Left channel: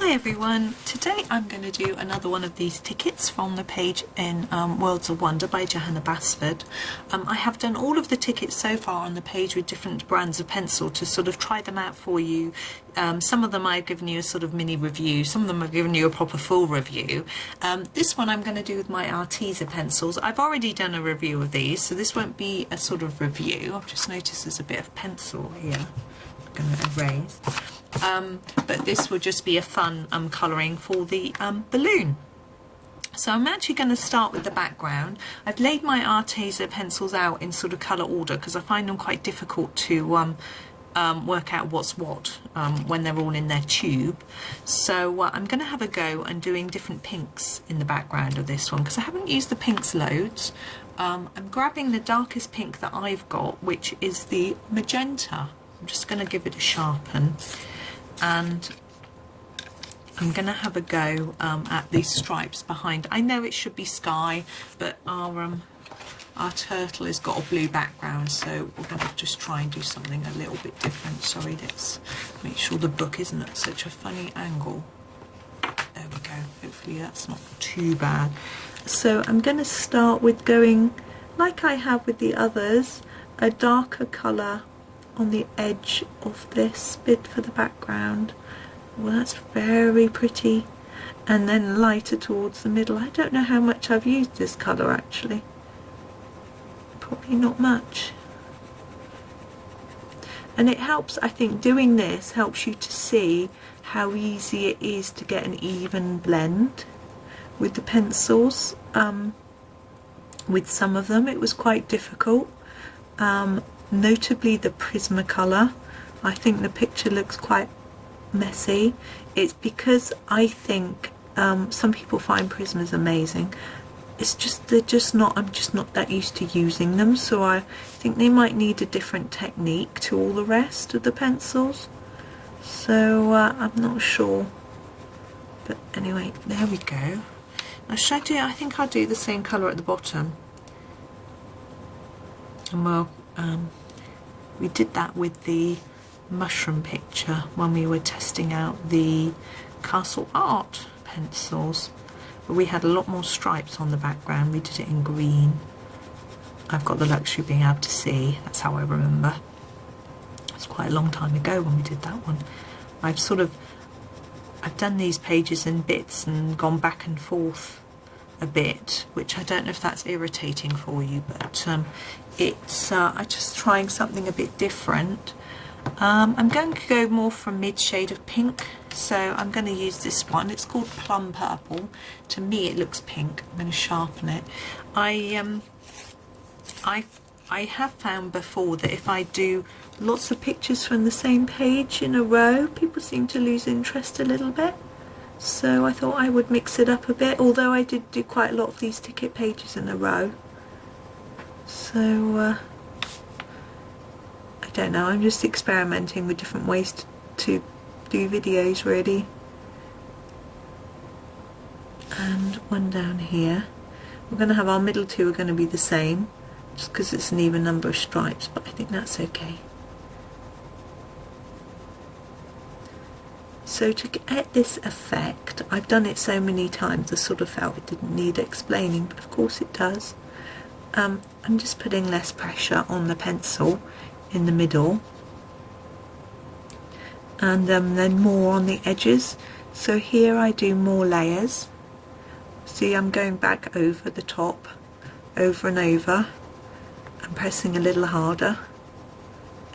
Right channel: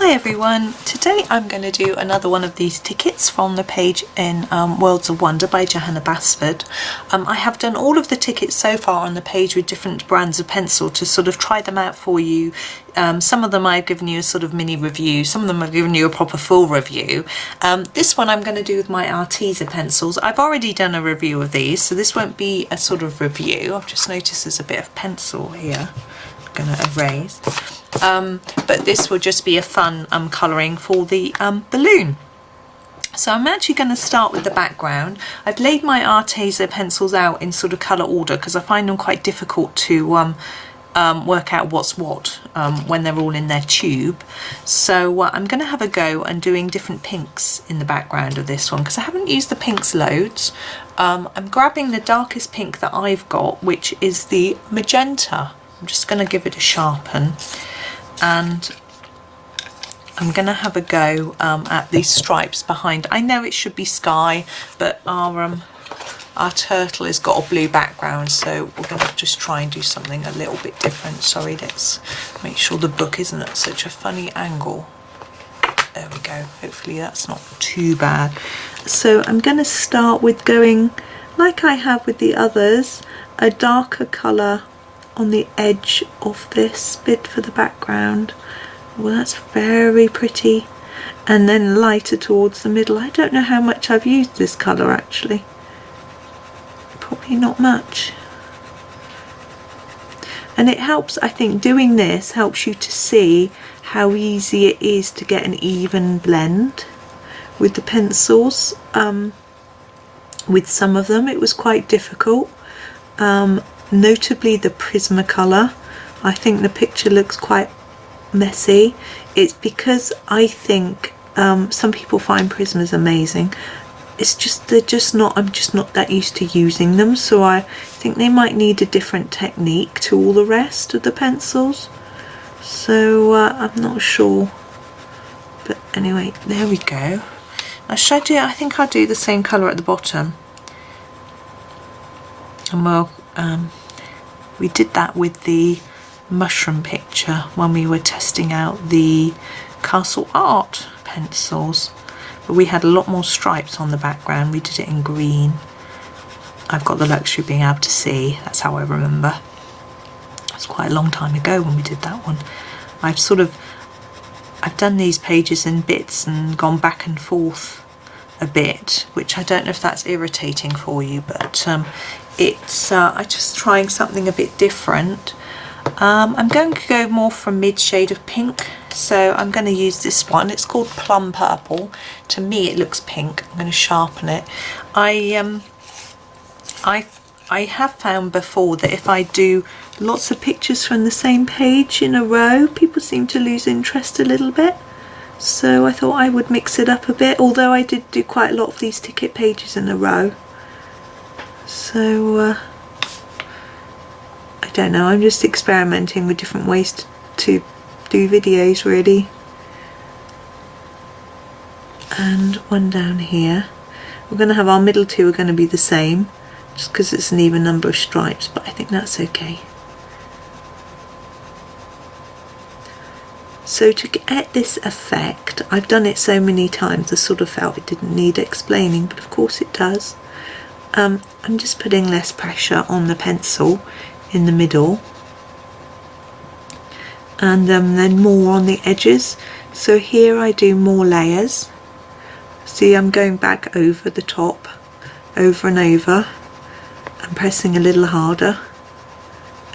Hi everyone, today I'm going to do another one of these tickets from the page in Worlds of Wonder by Johanna Basford. I have done all of the tickets so far on the page with different brands of pencil to sort of try them out for you. Some of them I've given you a sort of mini review, some of them I've given you a proper full review. This one I'm going to do with my Arteza pencils. I've already done a review of these, so this won't be a sort of review. I've just noticed there's a bit of pencil here. I'm going to erase. But this will just be a fun colouring for the balloon. So I'm actually going to start with the background. I've laid my Arteza pencils out in sort of colour order because I find them quite difficult to work out what's what when they're all in their tube. So I'm going to have a go and doing different pinks in the background of this one because I haven't used the pinks loads. I'm grabbing the darkest pink that I've got, which is the Magenta. I'm just going to give it a sharpen, and I'm going to have a go at these stripes behind. I know it should be sky, but our turtle has got a blue background, so we're going to just try and do something a little bit different. Sorry, let's make sure the book isn't at such a funny angle. There we go. Hopefully that's not too bad. So I'm going to start with going, like I have with the others, a darker colour on the edge of this bit for the background. Well, that's very pretty. And then lighter towards the middle. I don't know how much I've used this colour actually. Probably not much. And it helps, I think, doing this helps you to see how easy it is to get an even blend with the pencils. With some of them it was quite difficult. Notably the Prismacolor. I think the picture looks quite messy. It's because I think some people find Prismas amazing. It's just I'm just not that used to using them, so I think they might need a different technique to all the rest of the pencils. So I'm not sure. But anyway, there we go. Now should I do, I think I'll do the same colour at the bottom. And we'll we did that with the mushroom picture when we were testing out the Castle Art pencils, but we had a lot more stripes on the background. We did it in green. I've got the luxury of being able to see, that's how I remember. It's quite a long time ago when we did that one. I've done these pages in bits and gone back and forth a bit, which I don't know if that's irritating for you, but it's I'm just trying something a bit different. I'm going to go more from mid shade of pink, so I'm going to use this one. It's called Plum Purple. To me it looks pink. I'm going to sharpen it. I have found before that if I do lots of pictures from the same page in a row, people seem to lose interest a little bit. So I thought I would mix it up a bit, although I did do quite a lot of these ticket pages in a row. So I don't know, I'm just experimenting with different ways to do videos really. And one down here. We're going to have our middle two are going to be the same, just because it's an even number of stripes, but I think that's okay. So to get this effect, I've done it so many times I sort of felt it didn't need explaining, but of course it does. I'm just putting less pressure on the pencil in the middle, and then more on the edges. So here I do more layers. See, I'm going back over the top, over and over, and pressing a little harder,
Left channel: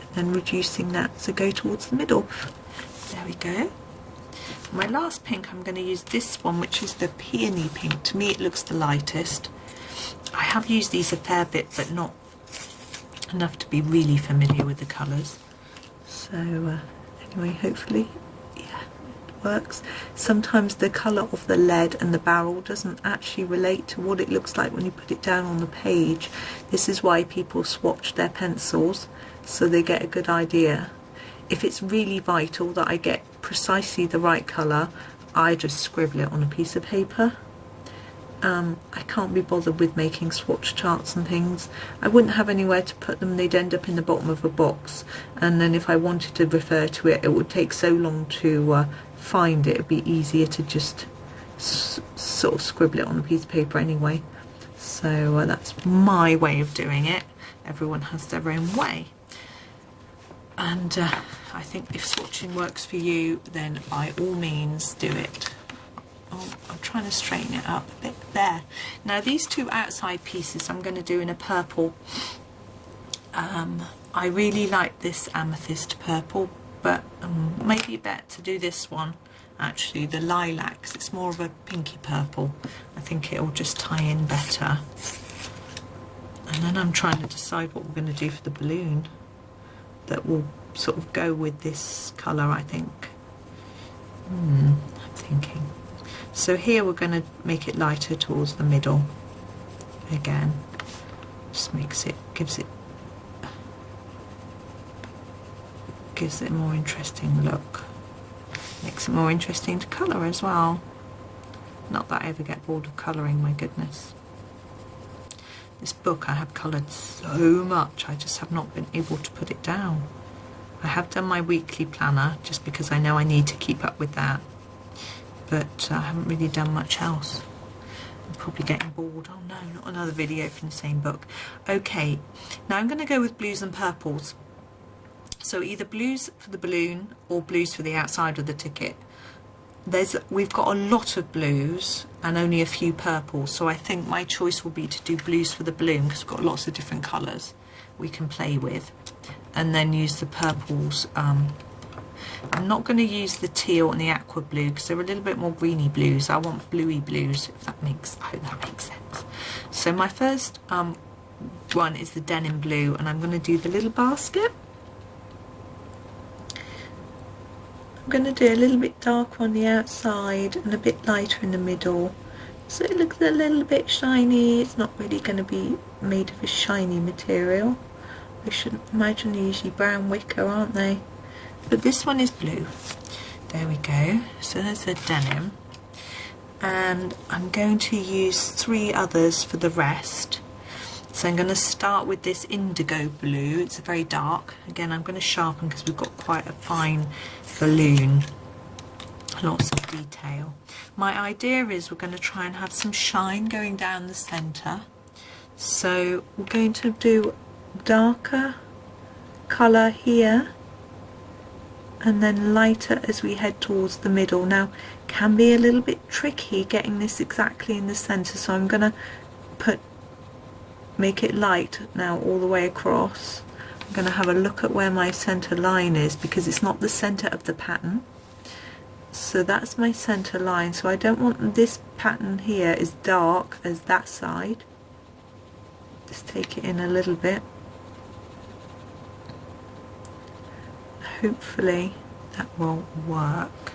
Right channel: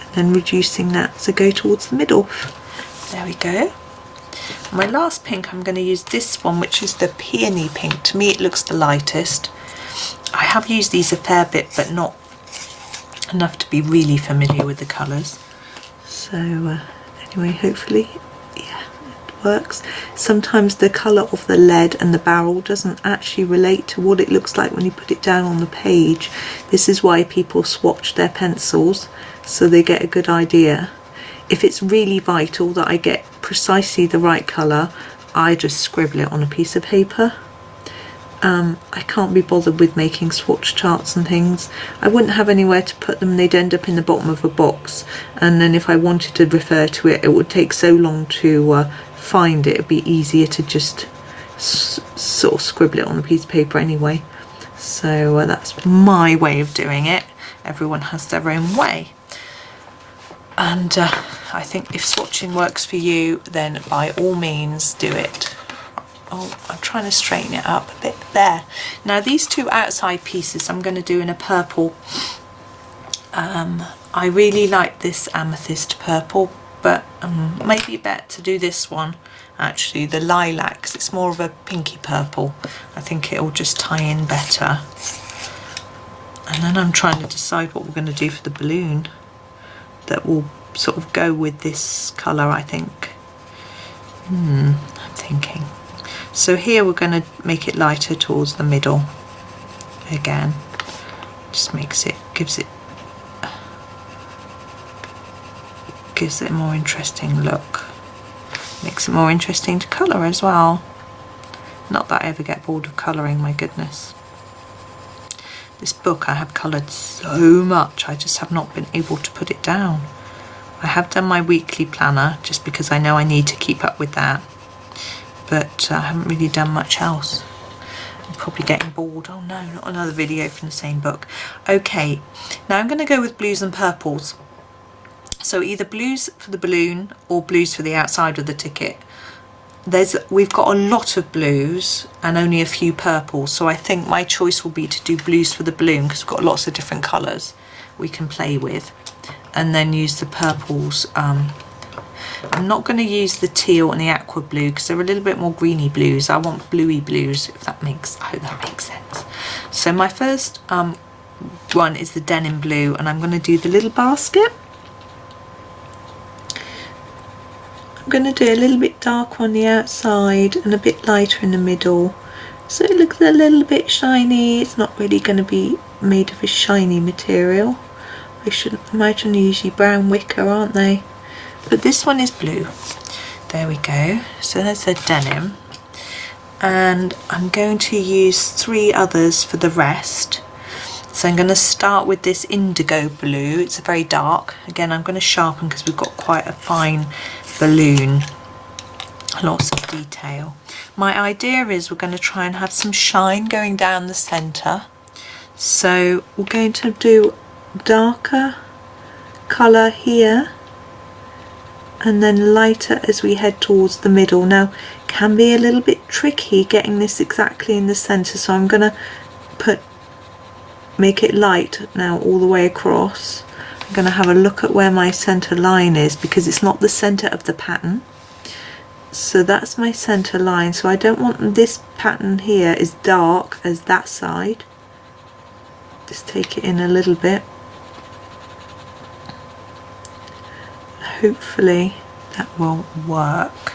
and then reducing that, so go towards the middle. There we go. My last pink, I'm going to use this one, which is the Peony Pink. To me it looks the lightest. I have used these a fair bit, but not enough to be really familiar with the colours. So anyway, hopefully, yeah, it works. Sometimes the colour of the lead and the barrel doesn't actually relate to what it looks like when you put it down on the page. This is why people swatch their pencils, so they get a good idea. If it's really vital that I get precisely the right colour, I just scribble it on a piece of paper. I can't be bothered with making swatch charts and things. I wouldn't have anywhere to put them. They'd end up in the bottom of a box, and then if I wanted to refer to it, it would take so long to find it, it'd be easier to just sort of scribble it on a piece of paper anyway. So that's my way of doing it. Everyone has their own way. And I think if swatching works for you, then by all means do it. Oh, I'm trying to straighten it up a bit there. Now these two outside pieces I'm going to do in a purple. I really like this amethyst purple, but maybe better to do this one, actually, the lilac, 'cause it's more of a pinky purple. I think it'll just tie in better. And then I'm trying to decide what we're going to do for the balloon that will sort of go with this colour, I think. I'm thinking. So here we're going to make it lighter towards the middle again. Just gives it a more interesting look. Makes it more interesting to colour as well. Not that I ever get bored of colouring, my goodness. This book I have coloured so much, I just have not been able to put it down. I have done my weekly planner just because I know I need to keep up with that, but I haven't really done much else. I'm probably getting bored. Oh no, not another video from the same book. Okay, now I'm going to go with blues and purples. So either blues for the balloon or blues for the outside of the ticket. We've got a lot of blues and only a few purples, so I think my choice will be to do blues for the balloon because we've got lots of different colours we can play with, and then use the purples. I'm not going to use the teal and the aqua blue because they're a little bit more greeny blues. I want bluey blues, I hope that makes sense. So my first one is the Denim Blue, and I'm going to do the little basket. I'm going to do a little bit darker on the outside and a bit lighter in the middle, so it looks a little bit shiny. It's not really going to be made of a shiny material. I shouldn't imagine they're usually brown wicker, aren't they? But this one is blue. There we go. So there's the denim. And I'm going to use 3 others for the rest. So I'm going to start with this Indigo Blue. It's a very dark. Again, I'm going to sharpen because we've got quite a fine balloon. Lots of detail. My idea is we're going to try and have some shine going down the centre. So we're going to do darker colour here and then lighter as we head towards the middle. Now, can be a little bit tricky getting this exactly in the centre, so I'm going to make it light now all the way across. I'm going to have a look at where my centre line is because it's not the centre of the pattern. So that's my centre line, so I don't want this pattern here as dark as that side. Just take it in a little bit. Hopefully that will work.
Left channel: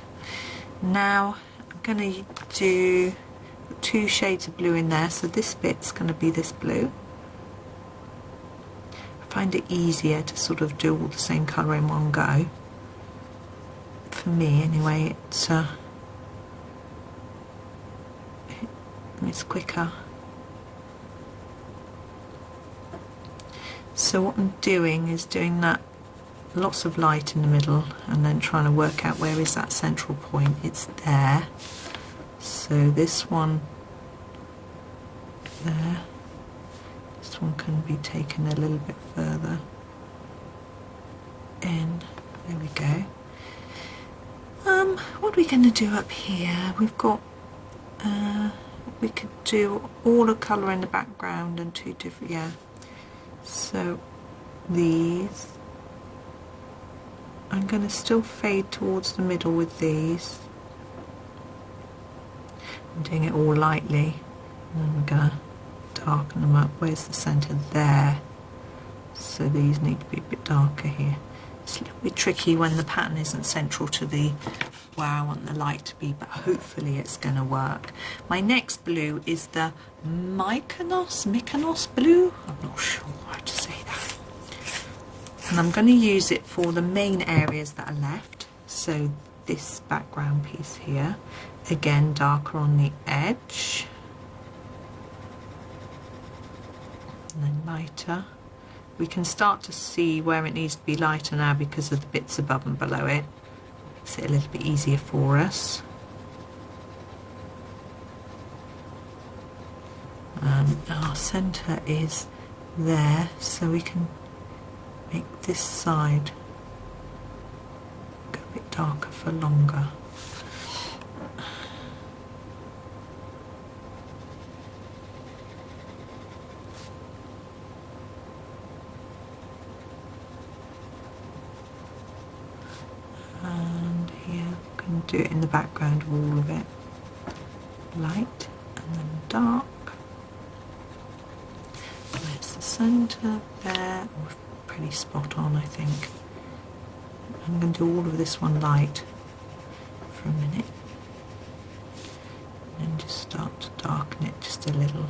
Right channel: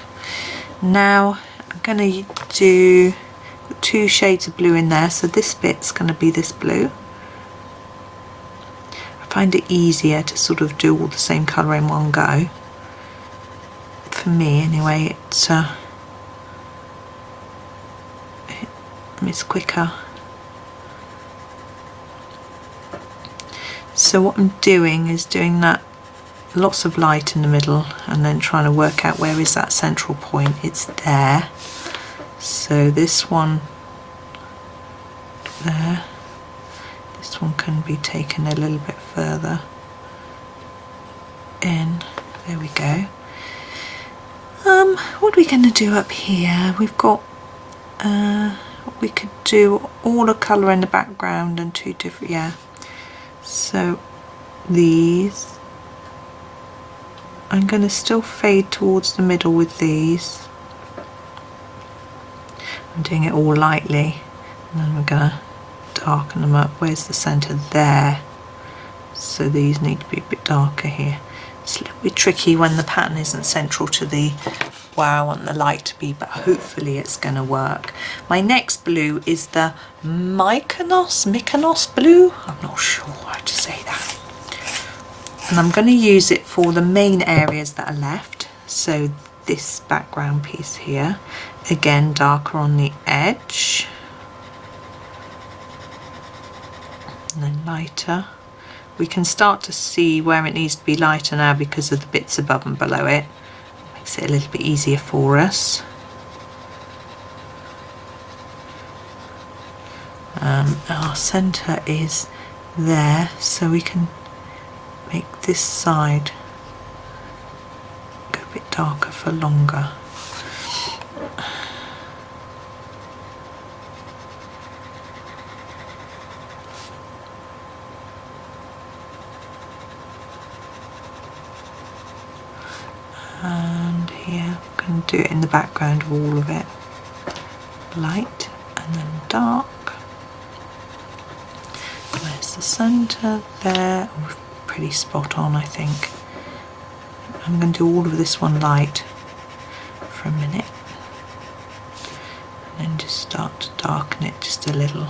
Now I'm going to do 2 shades of blue in there, so this bit's going to be this blue. I find it easier to sort of do all the same colour in one go. For me anyway, it's quicker. So what I'm doing is doing that, lots of light in the middle, and then trying to work out where is that central point. It's there. So this one there, this one can be taken a little bit further in. There we go. What are we going to do up here? We've got we could do all the colour in the background and 2 different, yeah. So these, I'm going to still fade towards the middle with these. I'm doing it all lightly, and then we're going to darken them up. Where's the centre? There. So these need to be a bit darker here. It's a little bit tricky when the pattern isn't central to where I want the light to be, but hopefully it's going to work. My next blue is the Mykonos Blue. I'm not sure how to say that. And I'm going to use it for the main areas that are left. So this background piece here, again darker on the edge, and then lighter. We can start to see where it needs to be lighter now because of the bits above and below it. makes it a little bit easier for us. Our centre is there, so we can make this side go a bit darker for longer. And here we can do it in the background of all of it. Light and then dark. There's the centre there. Oh, pretty spot on, I think. I'm going to do all of this one light for a minute. And then just start to darken it just a little.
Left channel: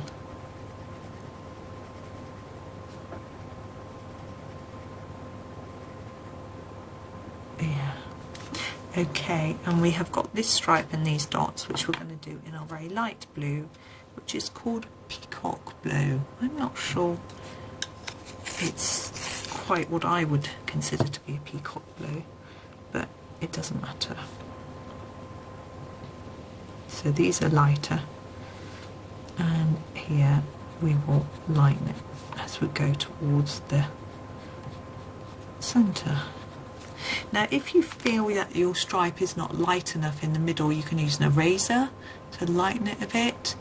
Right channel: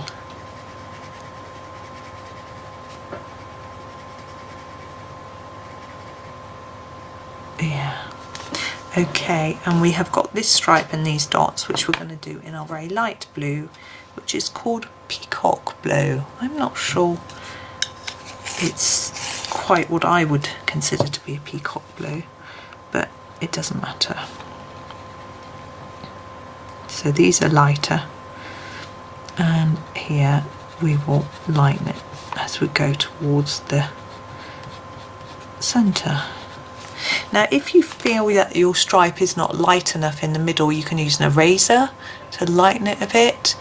Yeah. Okay, and we have got this stripe and these dots, which we're going to do in our very light blue, which is called Peacock Blue. I'm not sure it's quite what I would consider to be a peacock blue, but it doesn't matter. So these are lighter, and here we will lighten it as we go towards the centre. Now if you feel that your stripe is not light enough in the middle, you can use an eraser to lighten it a bit,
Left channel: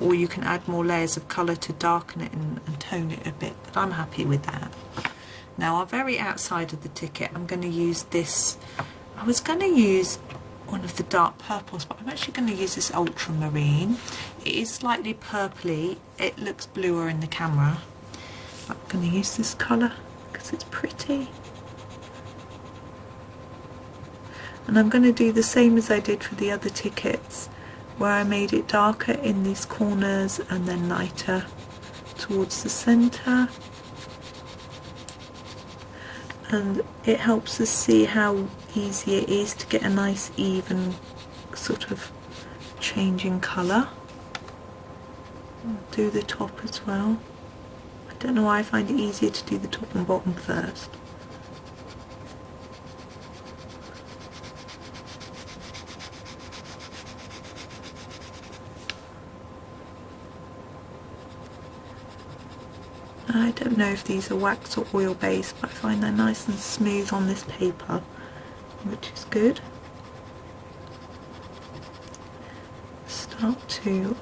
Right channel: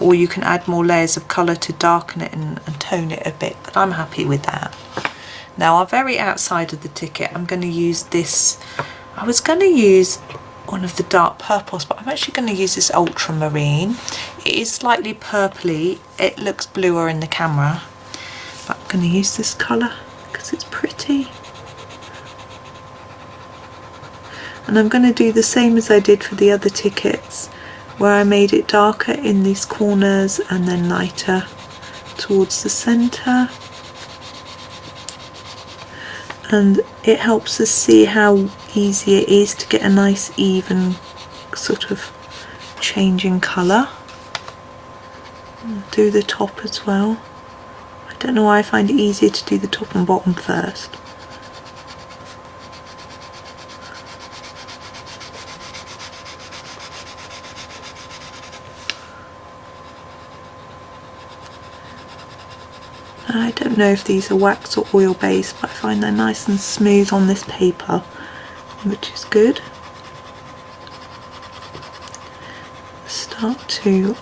or you can add more layers of colour to darken it and tone it a bit, but I'm happy with that. Now our very outside of the ticket, I'm going to use this. I was going to use one of the dark purples, but I'm actually going to use this ultramarine. It is slightly purpley, it looks bluer in the camera, but I'm going to use this colour because it's pretty. And I'm going to do the same as I did for the other tickets, where I made it darker in these corners and then lighter towards the centre. And it helps us see how easy it is to get a nice even sort of change in colour. Do the top as well. I don't know why I find it easier to do the top and bottom first. I don't know if these are wax or oil based, but I find they're nice and smooth on this paper, which is good. Start to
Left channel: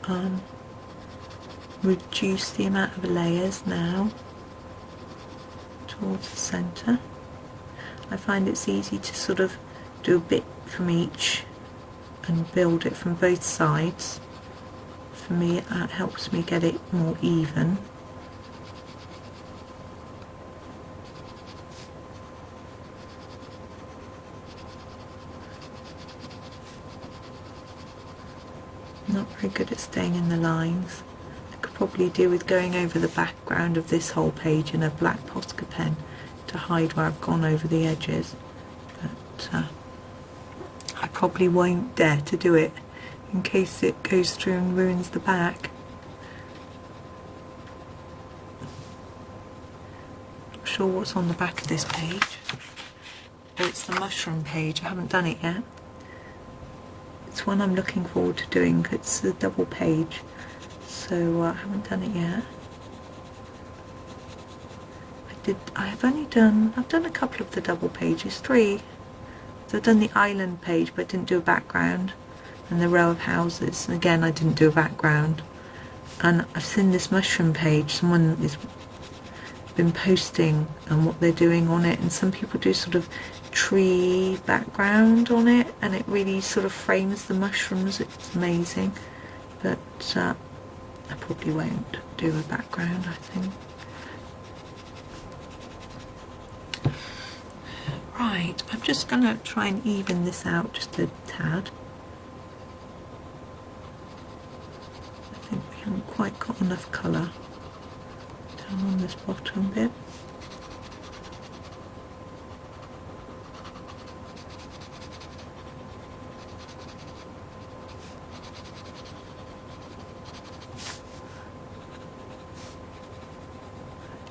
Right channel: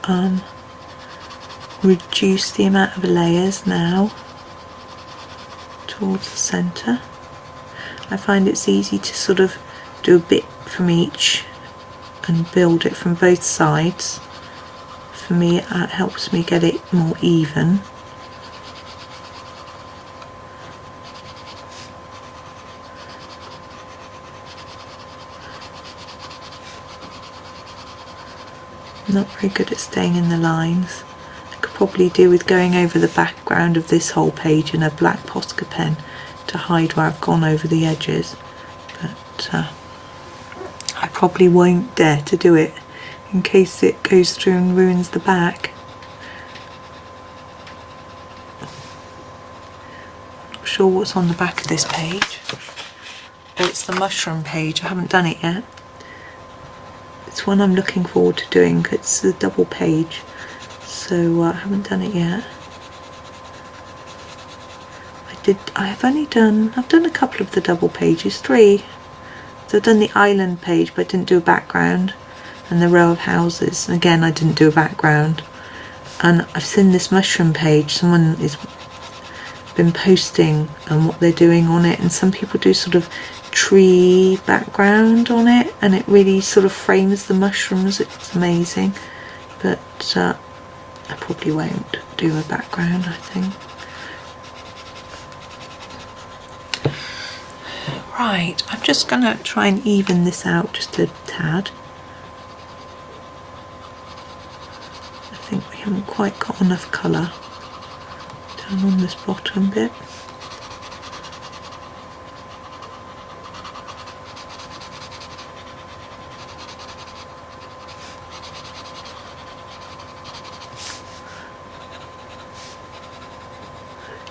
reduce the amount of layers now towards the centre. I find it's easy to sort of do a bit from each and build it from both sides. For me, it helps me get it more even. Not very good at staying in the lines. I could probably do with going over the background of this whole page in a black Posca pen to hide where I've gone over the edges, but I probably won't dare to do it in case it goes through and ruins the back. Not sure what's on the back of this page. Oh, it's the mushroom page. I haven't done it yet. It's one I'm looking forward to doing. It's a double page, so I haven't done it yet. I've done a couple of the double pages, 3. So I've done the island page, but I didn't do a background, and the row of houses, and again I didn't do a background. And I've seen this mushroom page, someone has been posting what they're doing on it, and some people do sort of tree background on it, and it really sort of frames the mushrooms. It's amazing, but I probably won't do a background, I think. Right, I'm just going to try and even this out just a tad. I think we haven't quite got enough colour down on this bottom bit.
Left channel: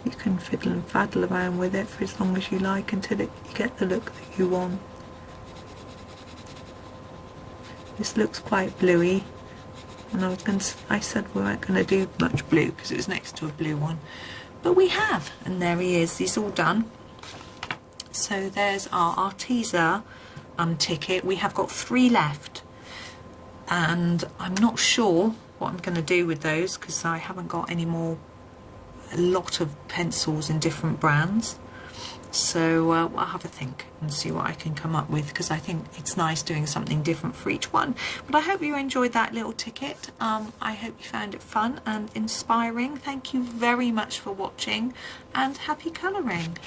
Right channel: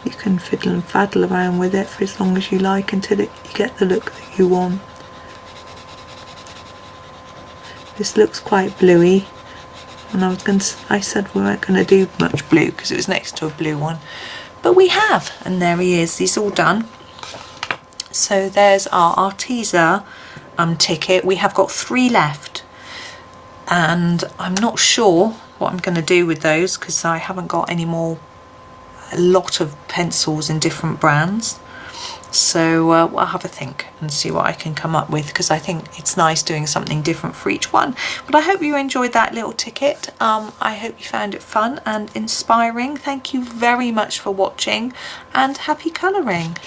You can fiddle and faddle around with it for as long as you like until you get the look that you want. This looks quite bluey, and I said we weren't going to do much blue because it was next to a blue one, but we have, and there he is. He's all done. So there's our Arteza ticket. We have got 3 left, and I'm not sure what I'm going to do with those because I haven't got any more, a lot of pencils in different brands. So I'll have a think and see what I can come up with, because I think it's nice doing something different for each one. But I hope you enjoyed that little ticket. I hope you found it fun and inspiring. Thank you very much for watching, and happy colouring.